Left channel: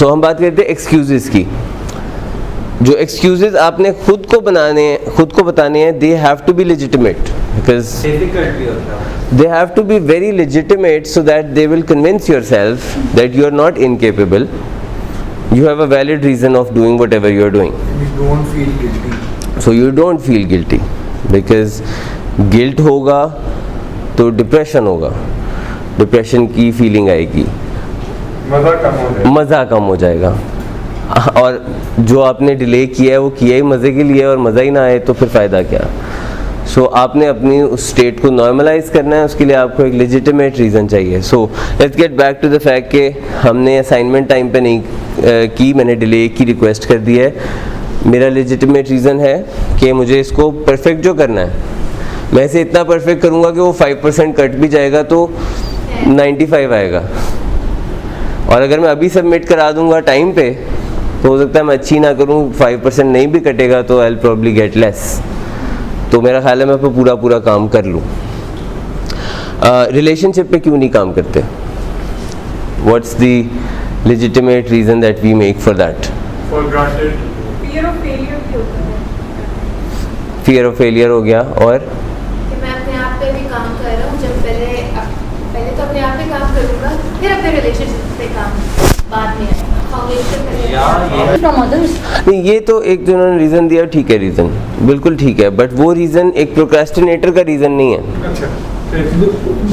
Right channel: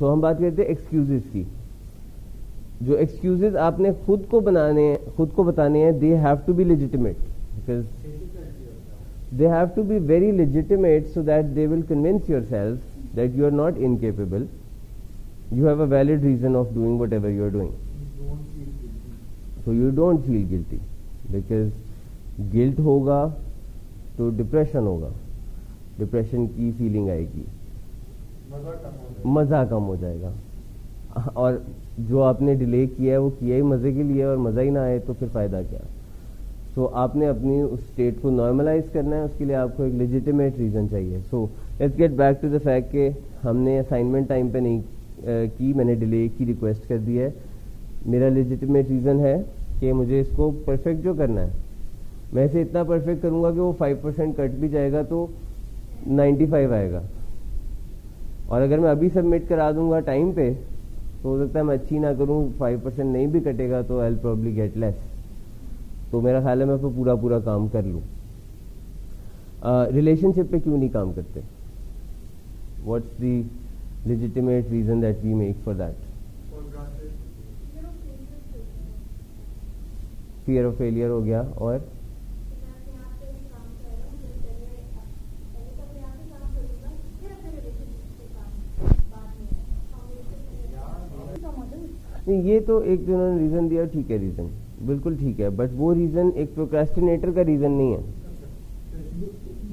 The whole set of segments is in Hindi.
सो हम बात करते हैं एक्सक्यूजेस की। जो एक्सक्यूजेस आपने खुद को बताने हैं, they have to be legitimate, because they have to be very legitimate so that they will convince yourself that you are not incapable. You have a valid reason of doing whatever you are doing. You don't feel guilty. So you don't feel guilty, because guilt होगा तो डिप्रेशन होगा, डिप्रेशन की फीलिंग आएगी, मज़ा कम हो जाएगा। और जो आपने डिले किया है वो किया ही मज़े के लिए, और मज़ा ही ना आए तो फिर फ़ायदा क्या। सो आपने अपनी उस स्टेट को नॉर्मलाइज करना है, उसके लिए आपको एक लेजिटिमेट रीज़न चाहिए। So let's get back to the fact कि हमने असाइनमेंट टाइम पे नहीं की, मैंने डिले की रिक्वेस्ट कर दी है। मेरा लेजिटिमेट रीज़न है कि मुझे इसको परफेक्ट जो करना है, मैं इसे इतना परफेक्ट करूँगा कि वो 5% कट भी जाएगा तो 95 आएगा, और अगर मैं अभी सबमिट करा दूँगा टाइम पे तो हो सकता है मैं अच्छी ना करूँ, 5% नहीं भी कटेगा तो I will probably get less. तो मेरा ख्याल है मैं पूरा काम कर लूँ। रिलेशनशिप पे क्यों नहीं काम करते? What's the legitimate reason that we make for that? For granted fear of failure भी होता है। फियर ऑफ फेलियर हो गया, और कि मैं अपने आप पे भी काम कर रहा हूँ, जब पहले तो अपने आप पे काम करूँगा, फिर अपने रिलेशनशिप पे काम बाद में आएगा। नहीं, ये तो एक जो उन्होंने रीज़न दिया ठीक है, रीज़न बिल्कुल ठीक है, बट वो रीज़न एक प्रोक्रेस्टिनेटर का रीज़न नहीं है। अच्छा,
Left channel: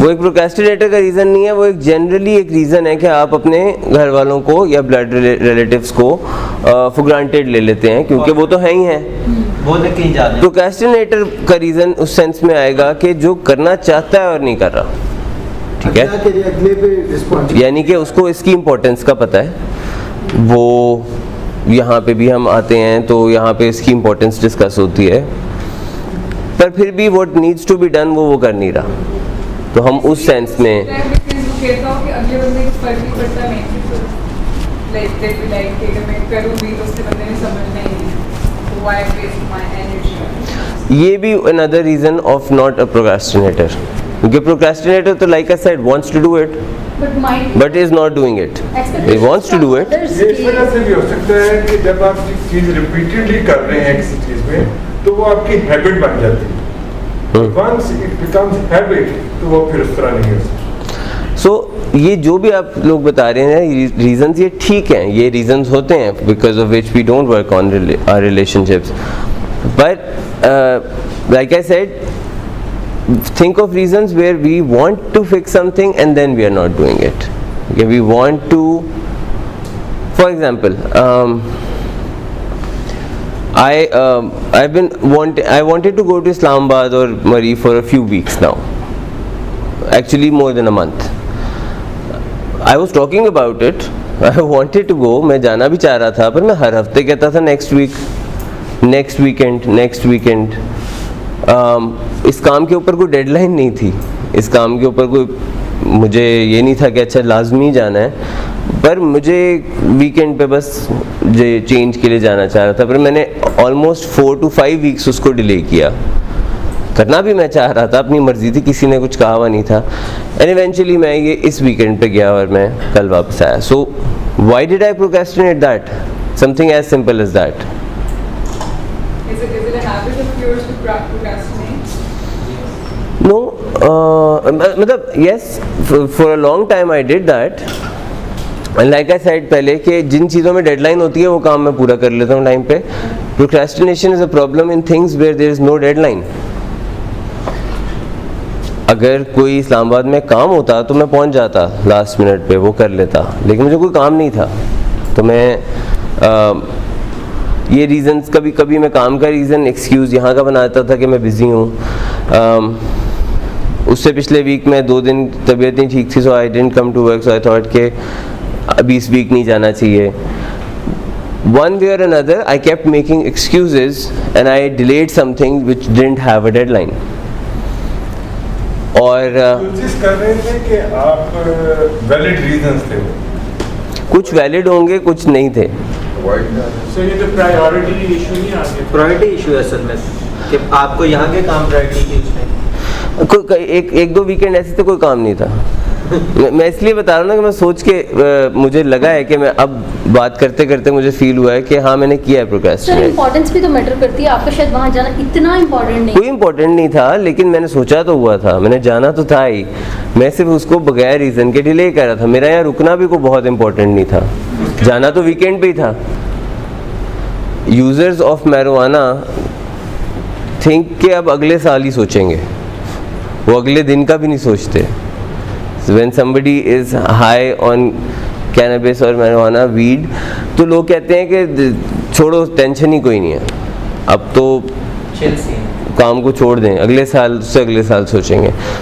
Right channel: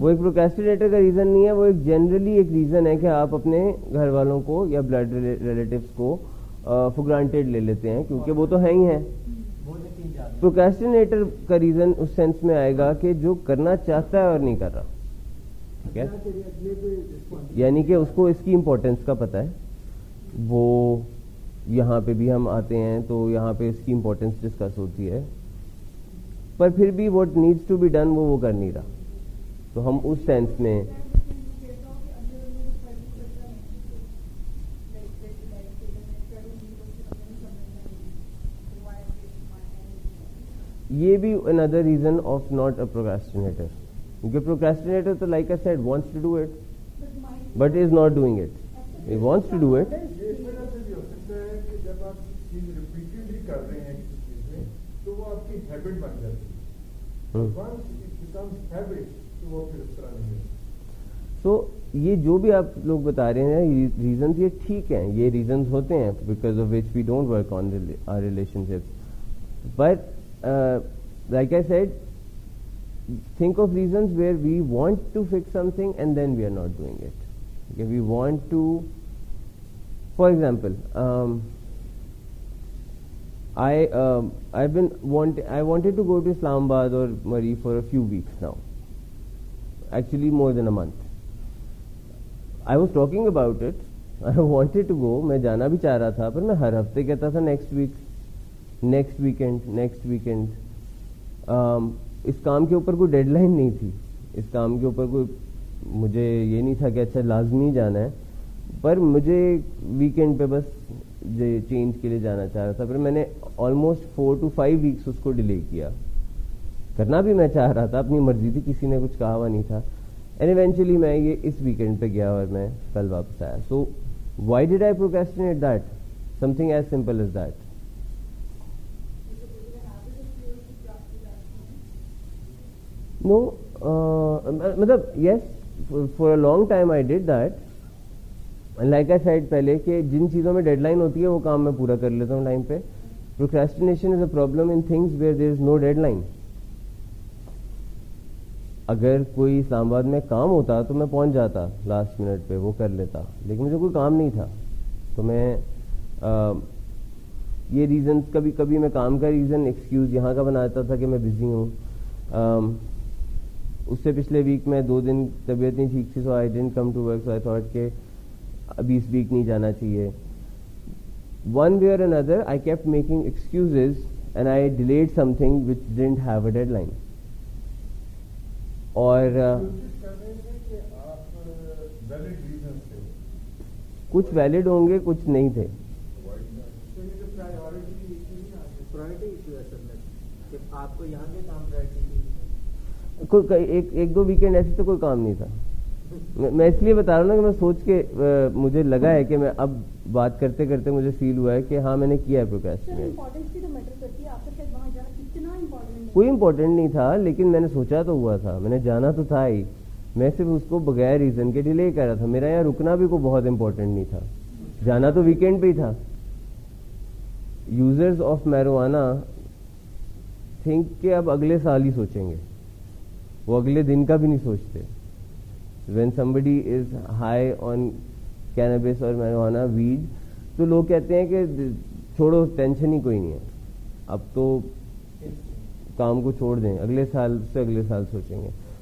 वो एक प्रोक्रेस्टिनेटर का रीज़न नहीं है, वो एक जनरली एक रीज़न है कि आप अपने घर वालों को या ब्लड रिलेटिव्स को फॉर ग्रांटेड ले लेते हैं, क्योंकि वो तो है ही हैं। वो तो कहीं जा रहे हैं। प्रोक्रेस्टिनेटर का रीज़न उस सेंस में आएगा कि जो करना चाहता है और नहीं कर रहा, ठीक है, यानी कि उसको इसकी इम्पोर्टेंस का पता है। वो यहाँ पे भी हम आते हैं तो यहाँ पे इसकी इम्पोर्टेंस डिस्कस होती है, पर फिर भी what needs to be done वो कर नहीं रहा। तो हम उस सेंस में ये भी another reason of not a procrastinator, क्योंकि प्रोक्रेस्टिनेटर तो like I said wants to do it but is not doing it. He wants to do it. ये इस वजह से भी हो सकता है कि जब आप चीज़ रिपीटेडली कर रहे हैं किसी चीज़ में तो वो आपकी हैबिट बन जाती है। Once it becomes habit तो वो फिर उस तरह नहीं हो सकता। So ये जो भी आप लोग बता रहे हैं रीजंस, ये ठीक हैं, ये रीजंस होते हैं because of which we don't work on our relationships. But like I said, think of reasons where we want to fix something and then we are not doing it. Okay, we want to, for example, I wanted to go to Islamabad or Murree for a few weeks now, actually more than a month. I was talking about it, I wanted to go, मैं जाना भी चाह रहा था, पर मैं हर हफ्ते कहता था next week, next weekend. इस काम के ऊपर कोई डेडलाइन नहीं थी, इस काम के ऊपर कोई, मुझे ये नहीं था कि अच्छा लाजमी जाना है, पर मुझे वीकेंड पे बस चेंज के लिए जाना चाह रहा था। पर मैंने ऑलमोस्ट 4 to 5 वीक्स उसको डिले किया, करना भी मैं चाह रहा था, अपनी मर्जी थी, किसी ने कुछ कहा हुआ नहीं था। एंड इवेंचुअली मैं ये इस वीकेंड पे गया और मैं कल वापस आया। So why did I procrastinate that? Something as simple as that. No, मतलब yes, for a long time I did that, and like I said पहले कि जिन चीज़ों में डेडलाइन होती है वो काम मैं पूरा कर लेता हूँ टाइम पे। Procrastination is a problem in things where there is no deadline. अगर कोई इस्लामाबाद में काम होता तो मैं पहुँच जाता लास्ट मिनट पे, वो कर लेता, लेकिन मुझे कोई काम नहीं था, तो मैं ये रीज़न्स कभी कभी मैं काम का रीज़न एक्सक्यूज़ यहाँ का बनाता था कि मैं बिज़ी हूँ। उससे पिछले वीक में 2 दिन तबीयत नहीं ठीक थी, so I didn't come to work, so I thought कि अभी इस वीक नहीं जाना चाहिए। One way or another, I kept making excuses and I delayed something which didn't have a deadline. और कोशिश कर रहे थे कि आप वैलिड रीजंस थे, कुछ वैलिड होंगे, कुछ नहीं थे। सो ये तो प्रायोरिटी इशू नहीं आ गया? प्रायोरिटी इशू है असल में कि आपको यहाँ के काम प्रायोरिटी की उसमें एक 2 वीकेंड ऐसे तो कोई काम नहीं था, मैं इसलिए बता रहा हूँ ना कि मैं सोच के मुझे लगा है कि मैं अब बात करते करते मुझे फील हुआ है कि हाँ मैंने किया है सर प्रोक्रेस्टिनेट। इम्पोर्टेंस भी तो मैटर करती है, आपका शायद वहाँ जाना इतना इम्पोर्टेंट नहीं। कोई इम्पोर्टेंट नहीं था, लेकिन मैंने सोचा तो हुआ था, मैंने जाना तो था ही, मैं सिर्फ उसको बगैर रीज़न के डिले कर रहा था। मेरा यहाँ रुकना भी कोई बहुत इम्पोर्टेंट नहीं था, जाना तो वीकेंड पे ही था। यूज़र्स ऑफ मैरिजुआना थिंक कि अब अगले साल ही सोचेंगे, वो अगले दिन का भी नहीं सोचते। When somebody is high on cannabis और marijuana weed, तो लोग कहते हैं कि छोड़ो, टेंशन ही कोई नहीं है, अब तो चिल सीन। काम को छोड़ दें, अगले साल से अगले साल सोचेंगे।